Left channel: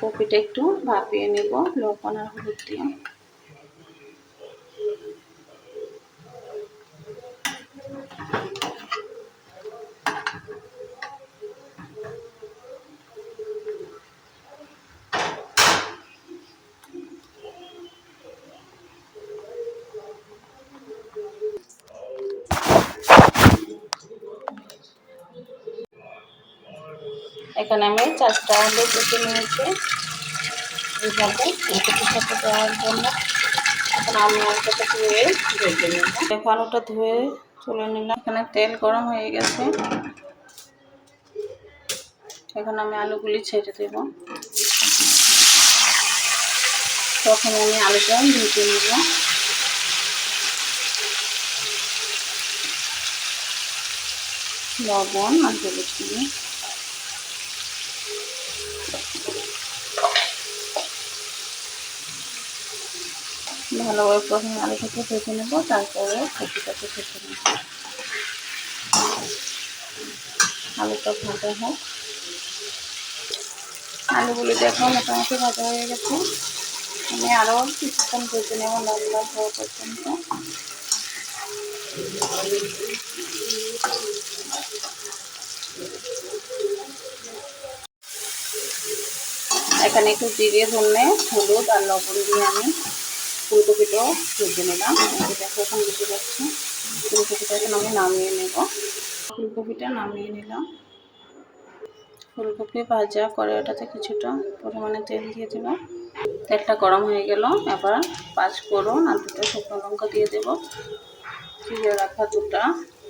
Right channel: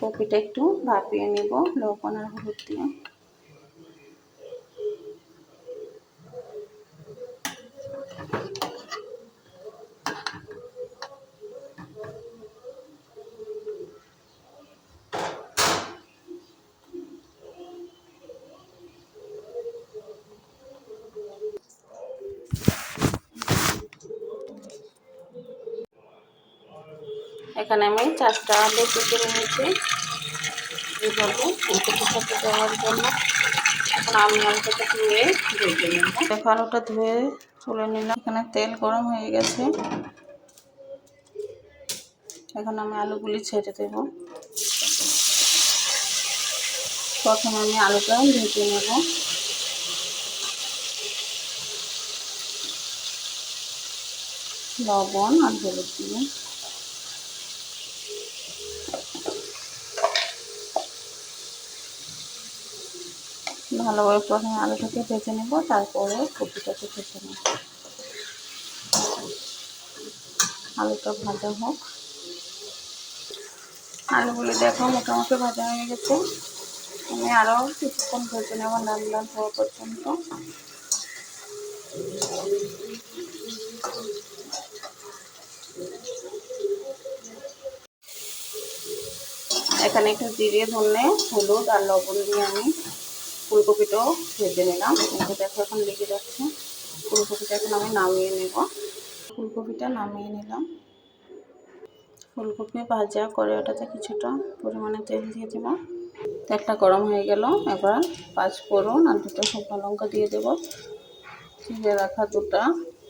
কপিটা একটু ভাপিয়ে নেব লবণ আর হলুদ দিয়ে। এখানে আমি চারটা আলু কেটে নিয়েছি এইভাবে সাথে দেওয়ার জন্য এখন আমি আলুটা ধুয়ে ভেজে নেব। এখন আলুটা ধুয়ে তুলে নিলাম। এখানে তেল গরম হয়ে গেছে। এখন আমি আলুগুলি ছেড়ে দেব। প্রথমে আমি আলুটা ভেজে নেব। লবণ আর হলুদ দিয়ে ভালোভাবে প্রথমে আলুটাকে ভেজে নেব, তারপরে কপিটাকে ভেজে নেব। আলুটা ভাজা হোক। আলুগুলি দেখো মোটামুটি ভাজা হয়ে গেছে। আমি আরও কিছুক্ষণ ভেজে নেব লাল লাল হওয়া পর্যন্ত। এখানে একটু জিরে, ধনে, হলুদ আর লবণ দিয়ে আমি ফুলকপিটাও ভেজে নিলাম। দেখো এখন বেঁচে যাচ্ছে। ফুলকপিটা এখন আমি নামিয়ে নেব। ফুলকপিটা নামিয়ে নিলাম। ফুলকপি ভাজা কড়াইটাতে কিছুটা পরিমাণে তেল দিয়ে দেবো। তেলটা গরম হয়ে গেল। এবার পাঁচ ফোড়ন আর দুটো শুকনো লঙ্কা দিয়ে দেবো। চিড়ে রাখা দুটা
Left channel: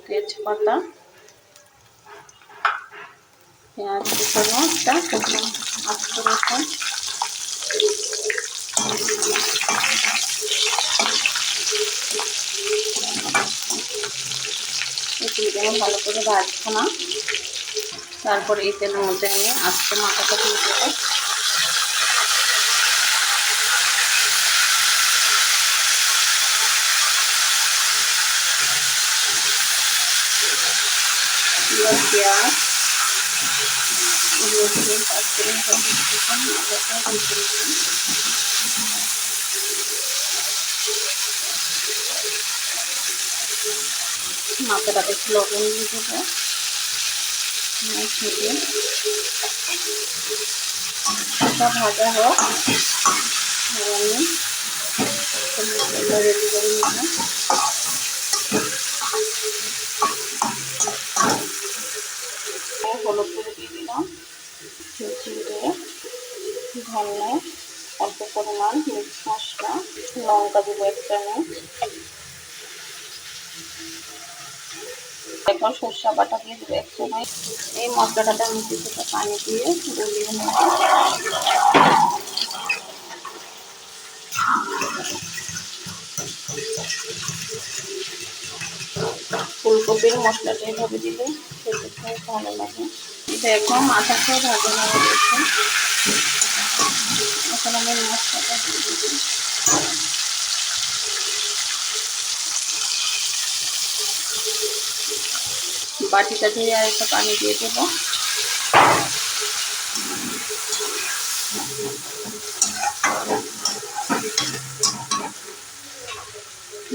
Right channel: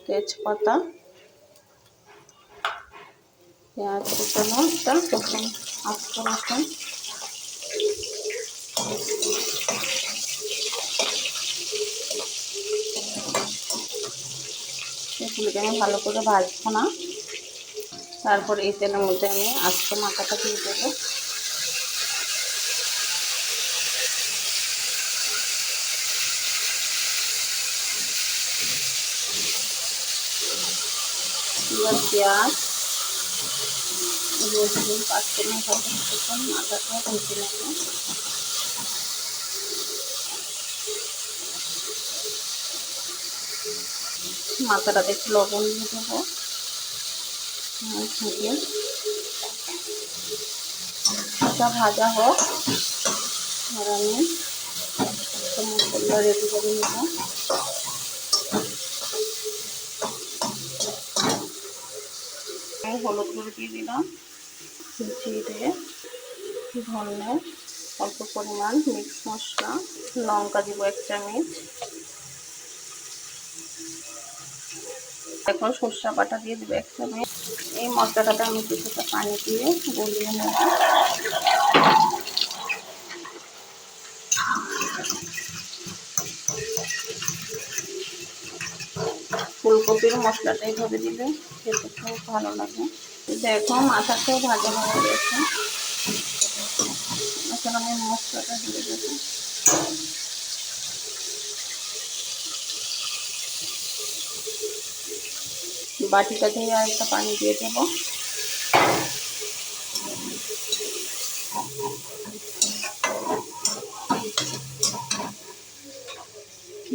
তেজপাতা। পেঁয়াজ কুচানো একটা শুকনো আস্ত রসুন। আমি ভালো করে ভাজবো না। তারপর এই তেলের মধ্যে আমি আস্ত মাথাটা দিয়ে দেবো। পেঁয়াজ, রসুন পাঁচ মিনিট মাথাটা ভেজে নেব মাথাটাতে একটু লবণ দিয়ে দেবো। এটা ভাজা হোক। আর আমি মশলা রেডি করে নিলাম হলুদ করে দিয়ে দিলাম। জিরে, ধনে, অল্প পরিমাণ মিক্স মশলা, লঙ্কা দেবো এক চামচ। এখন সর্ষা বাটা দিয়ে দেবো এক চামচ এই মশলাটাতে আমি কিছুটা পানি দিয়ে গলিয়ে নেব। ফুলকপির মশলাটা এইভাবে দিলে খেতে খুব ভালো লাগে। দেখো, মাথাটাও ভালো হয়ে গেছে। এখন আমি মশলাটা দিয়ে দেবো। বাটিটা ধুয়ে আর একটা পানি দিয়ে দেবো।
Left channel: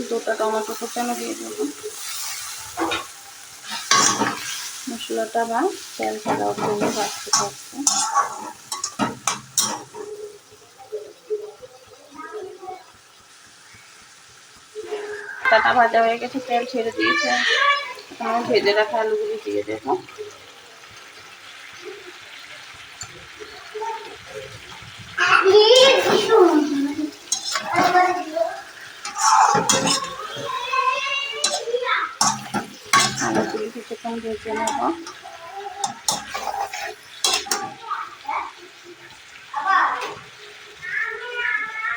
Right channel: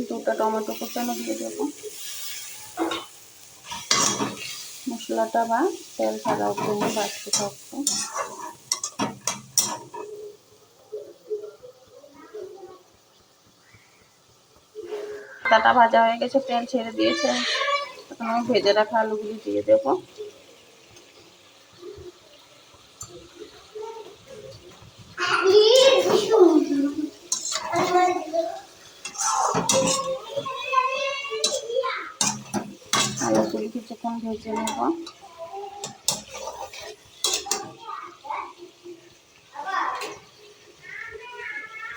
দুটো টমেটো কুচানো দিয়ে দেবো। মশলাটা বা তেল দেওয়ার জন্য বাড়তে থাকবে ভাজা হয়ে গেছে, তেল ছেড়ে দিয়েছে। এখন আমি ভেজে রাখা আলুগুলি দিয়ে দেবো। আলুগুলি কিছুক্ষণ ভেজে নেব।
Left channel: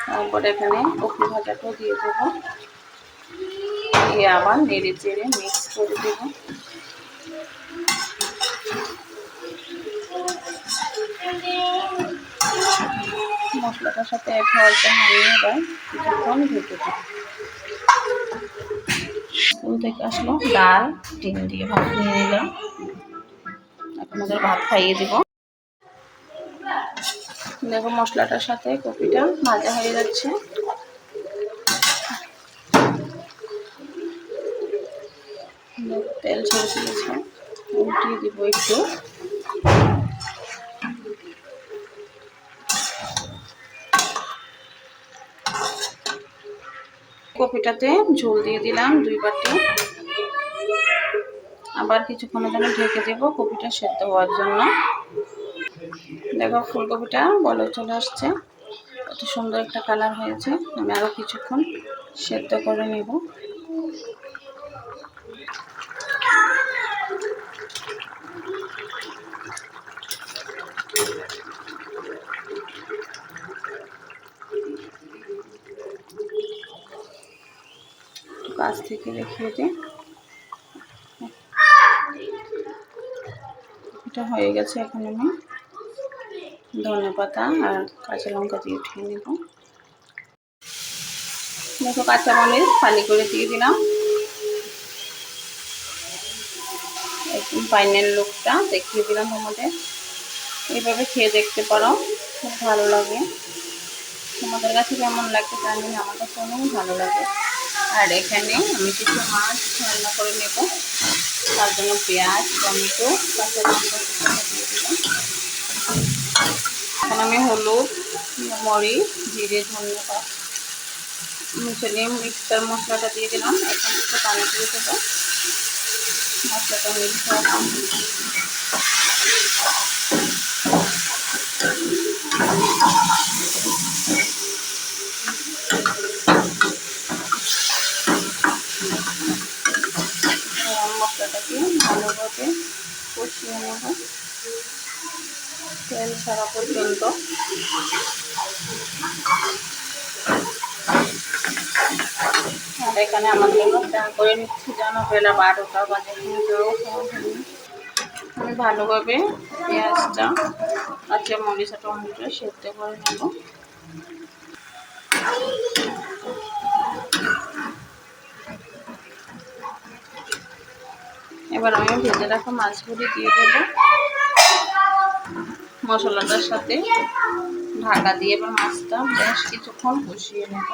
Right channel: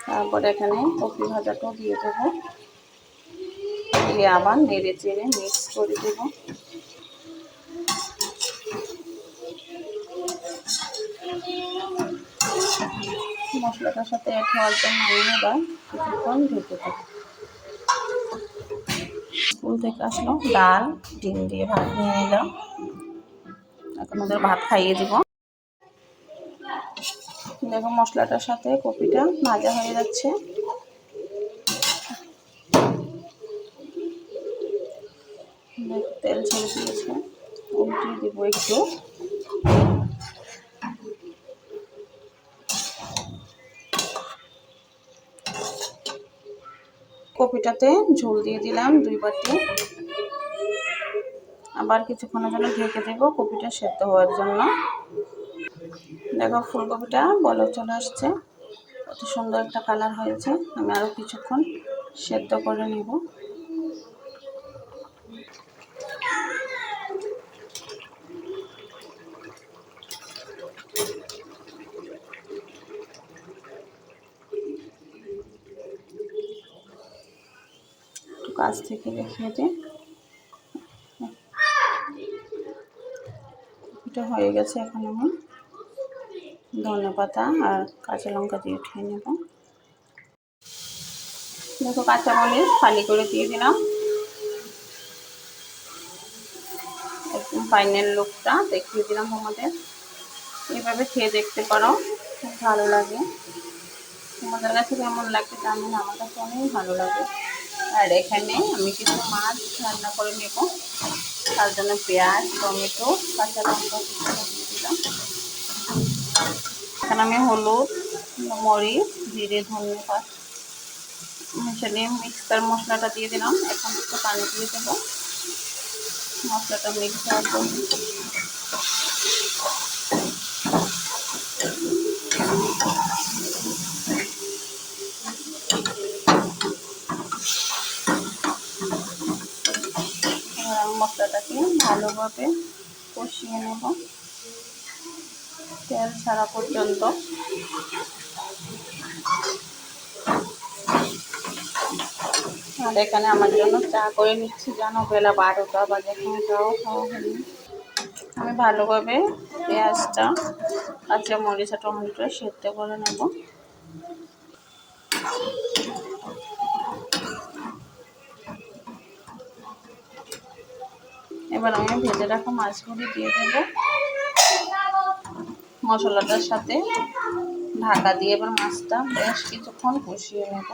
তারপরে এখানে কপি ভাজাটাও দিয়ে দেবো। দিয়ে আবার নেড়ে চেড়ে মিক্স করে দেব। মশলাটার সাথে এক হওয়ার জন্য আমি এবার কিছুক্ষণ ভেজে দেবো। স্কুল থেকে আসলো ডাল, ডিম দিয়ে ভাত নিয়ে নিলাম। এখন ওদের ভাত খাইয়ে দেব। দেখো মশলাটার সাথে কপিটা ভাজা হয়ে যাচ্ছে দেখো, তেল ছেড়ে দিয়েছে। উল্টিয়ে দিব একটু। কপিটাতে ঝোল দিয়ে দিলাম দুই বাটি। আবার কিছুক্ষণের জন্য ঢেকে দেব কপিটা সেদ্ধ হওয়ার জন্য। দেখো, ফুলকপিটা বলক চলে আসছে। কত সুন্দর একটা কালার হয়েছে। আমি আরও কিছুক্ষণ সেদ্ধ করে নেব। কাছ থেকে দেখিয়ে দিই এটা হয়ে গেছে এখন আমি ধনে পাতা আর কাঁচা লঙ্কা দিয়ে উঠিয়ে নেব। দেখো কাঁচা মরিচ ফালি করে দিয়ে দিলাম। একদম ফাইনাল লুকটা দেখিয়ে দিলাম তোমাদের। এইভাবে খেয়ে দেখতে পারো, খুব ভালো লাগে। তোমাদের কাছে কেমন লাগছে জানি না, আমার কাছে অনেক ভালো লাগে। আর এখানে আমি কিছু মাছ রান্না করে নেব। তার জন্য পেঁয়াজ, টমেটো, কাঁচা লঙ্কা দিলাম এখন আমি হলুদ, মরিচ, জিরে ধনে পাত মিশে নিয়ে মিক্সার মশলাটা দিয়ে দিলাম। এখন একটু পানি দিয়ে দেবো। মশলাটা মিক্স ভালোভাবে কষিয়ে নেব। তেল ছাড়া পর্যন্ত। আর এখানে আমার জন্য চা করে নিচ্ছি, জানো? বেলা বারোটা চাও খাওয়া হয়নি আমি ভালোভাবে পেঁয়াজটা কাঁচা মরিচ টমেটো সেদ্ধ করে নেব। এবার আমি ভেজে রাখা মাছগুলি দিয়ে দেব। মশলাটার সাথে ঢাকা দিয়ে এবার মাছটা বেশ কিছুক্ষণ কষিয়ে নেব।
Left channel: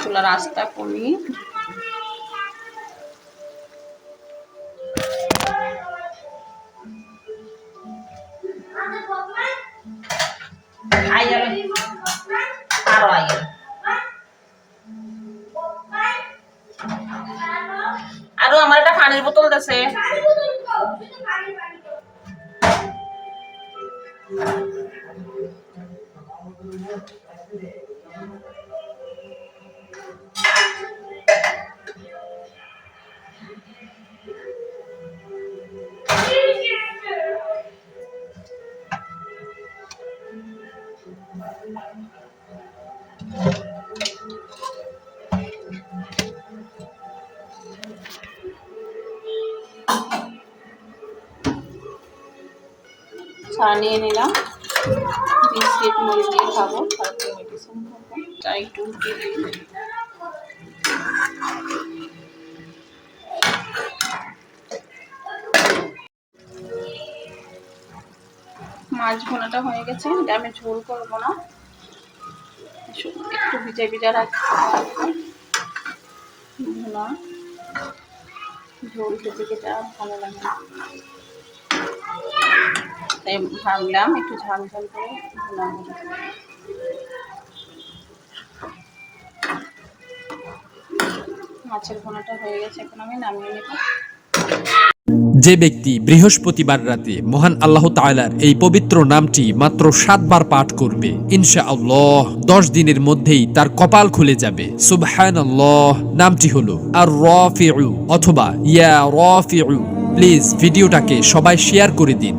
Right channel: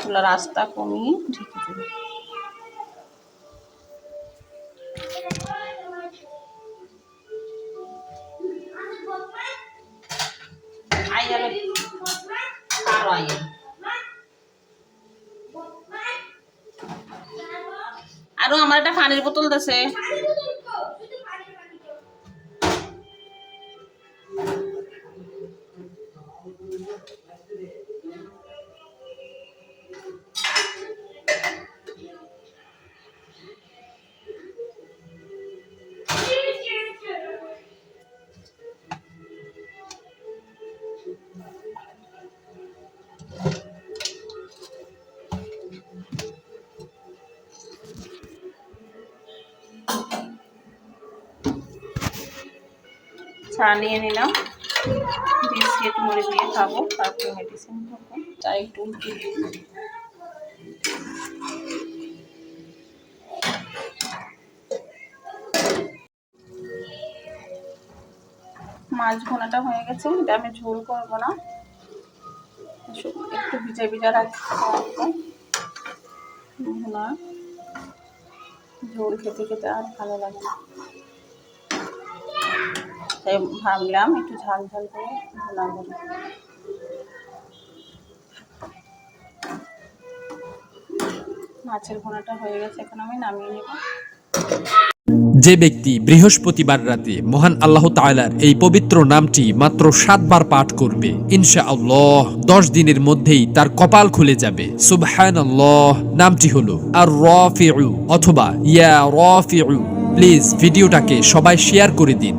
চুলার আস্তা কমিয়ে você. নিয়ে নিলাম। বিস্কিট, মুড়ি দিয়ে খাব, তারপরে মেডিসিন খাব। তাই একটু মাছ ভোনাটা হয়ে গেছে আমি ঝোল করব না। একটু ভিজা ভিজা ভুনা ঝোল খেতে খেতে আর ভালো লাগে তাই ভাবলাম একটু ঝাল ঝাল করে মাছের ভুনাটা হয়ে গেছে, এখন আমি নামিয়ে নেব। যে ব্যক্তি বৃহস্পতিবার রাতে মহান আল্লাহ তাআলার এই পবিত্র নামটি মাত্র সাতবার পাঠ করবে ইনশা আল্লাহ দশ দিনের মধ্যেই তার কপাল খুলে যাবে। সুবহান নামটি হলো আর রফিউ অথবা ইয়া রফিউ প্লিজ ভিডিওটাকে সবাই শেয়ার করে দিন।